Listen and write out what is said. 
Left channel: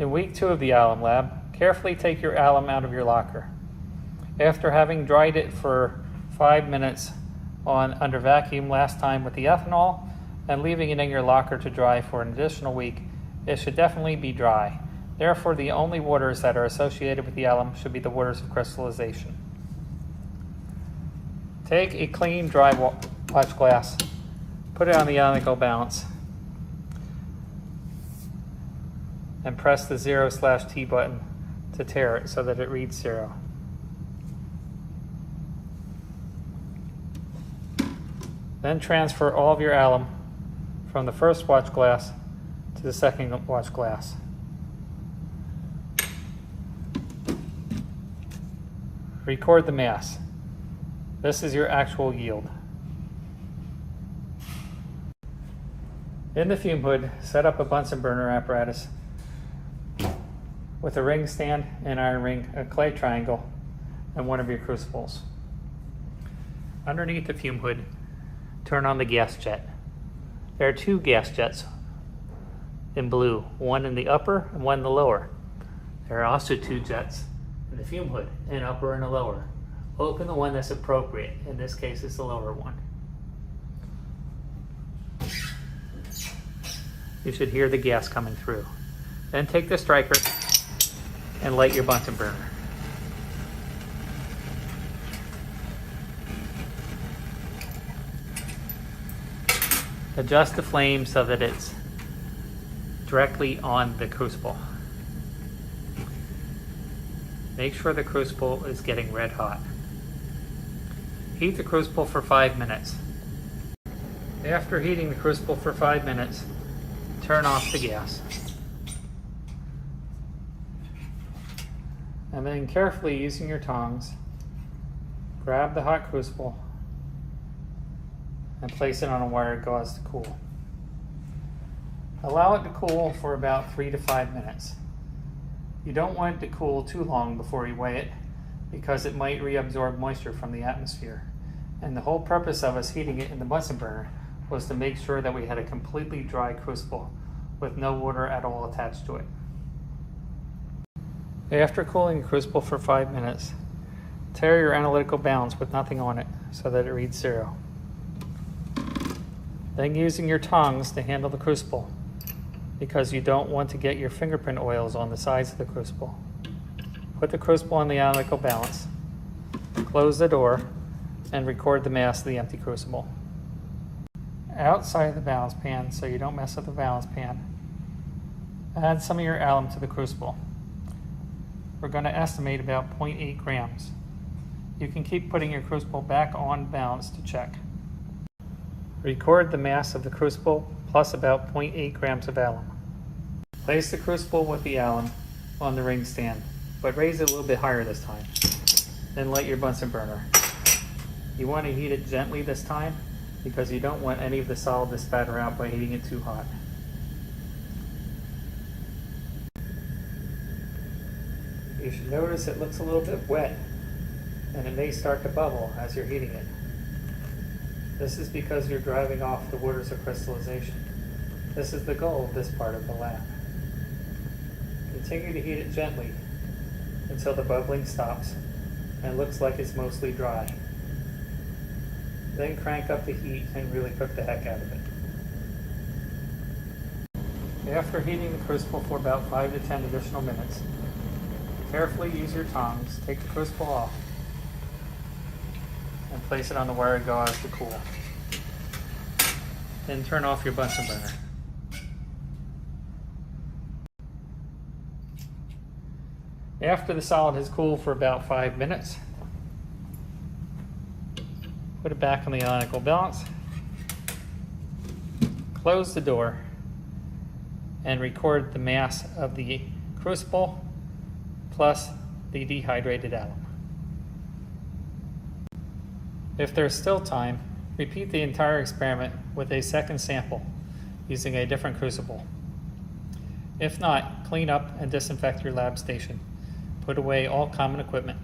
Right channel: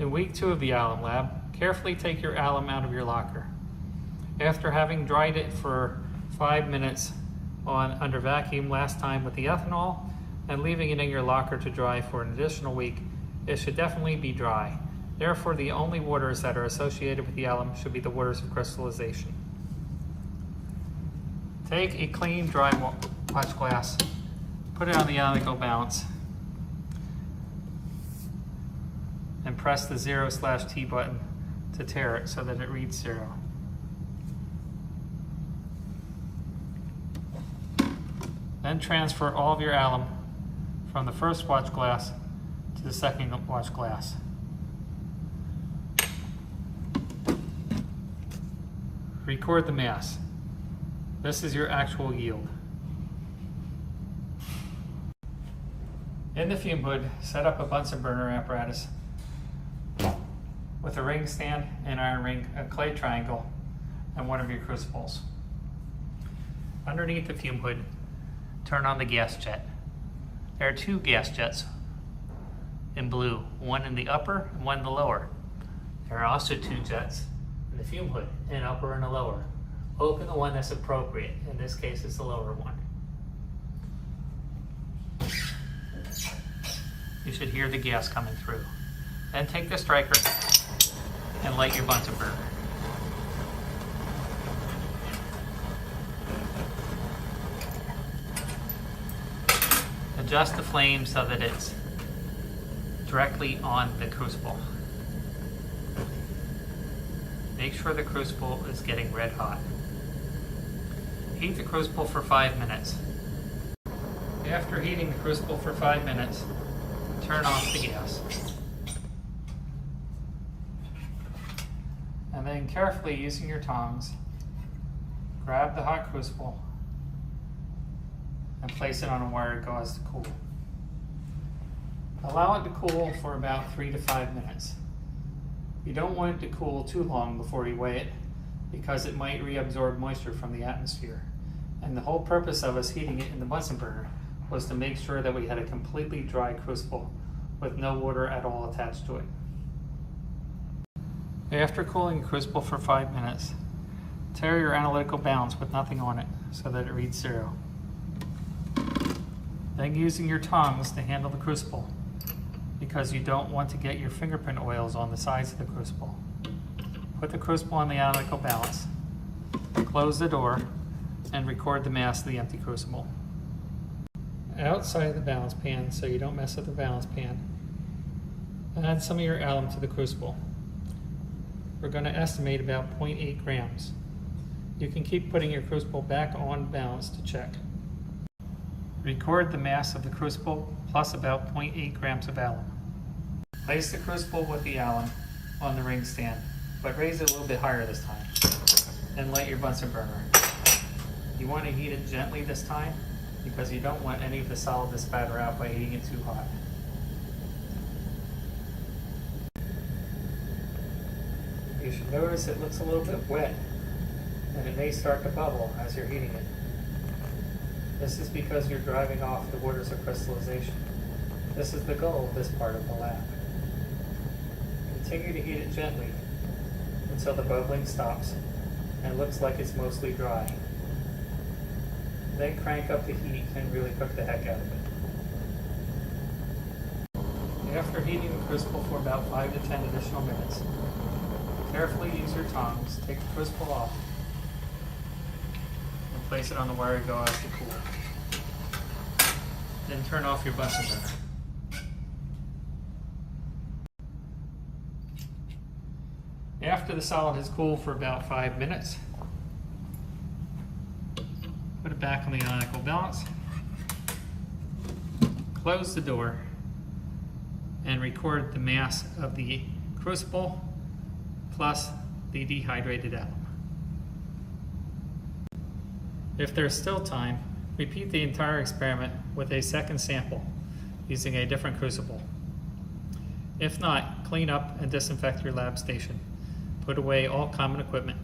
In week 2 of the alum lab, carefully take your alum out of your locker. After having dried it for 5 minutes under vacuum last time with the ethanol and leaving it in your locker to dry for an additional week, it should definitely be dry. Therefore, the only waters that are associated with the alum should be the waters of crystallization. Take a clean, dry watch glass, put it on the ionical balance, and press the 0/T button to tare it so that it reads 0. Then transfer all of your alum from the first watch glass to the second watch glass. Record the mass. This is your actual yield. In the fume hood, set up a Bunsen burner apparatus with a ring stand, an iron ring, a clay triangle, and one of your crucibles. Underneath the fume hood, turn on the gas jet. There are 2 gas jets in blue, one in the upper and one in the lower. There are also 2 jets in the fume hood, an upper and a lower. Open the one that's appropriate. In this case, it's the lower one. You should hear the gas coming through. Then take the striker and light your Bunsen burner. Adjust the flame so that it's directly on the crucible. Make sure the crucible is getting red hot. Heat the crucible for 5 minutes. After heating the crucible for 5 minutes, turn off the gas. And then carefully, using your tongs, grab the hot crucible and place it on a wire gauze to cool. Allow it to cool for about 3 to 5 minutes. You don't want it to cool too long before you weigh it, because it might reabsorb moisture from the atmosphere. And the whole purpose of us heating it in the Bunsen burner was to make sure that we had a completely dry crucible with no water at all attached to it. After cooling the crucible for 5 minutes, tare your analytical balance with nothing on it so that it reads 0. Then using your tongs to handle the crucible, because you don't want to get your fingerprint oils on the sides of the crucible. Put the crucible on the analytical balance, close the door, and record the mass of the empty crucible. Outside of the balance pan, so you don't mess up the balance pan, add some of your alum to the crucible. We're going to estimate about 0.8 grams. You can keep putting your crucible back on balance to check. Record the mass of the crucible plus about 0.8 grams of alum. Place the crucible with the alum on the ring stand, but raise it a little bit higher this time. Then light your Bunsen burner. You want to heat it gently this time, because you don't want any of the solid to spatter out by heating it too hot. You should notice it looks a little bit wet, and it may start to bubble as you're heating it. This is because you're driving off the waters of crystallization. This is the goal of this part of the lab. Continue to heat it gently until the bubbling stops and looks like it's mostly dry. Then crank up the heat and really cook the heck out of it. After heating the crucible for about 5 to 10 additional minutes, carefully use your tongs, take the crucible off, and place it on the wire gauze to cool. Then turn off your Bunsen burner. After the solid has cooled for about 5 minutes, put it back on the ionical balance, close the door, and record the mass of the crucible plus the dehydrated alum. If there's still time, repeat the entire experiment with a second sample using a different crucible. If not, clean up and disinfect your lab station. Put away all common equipment.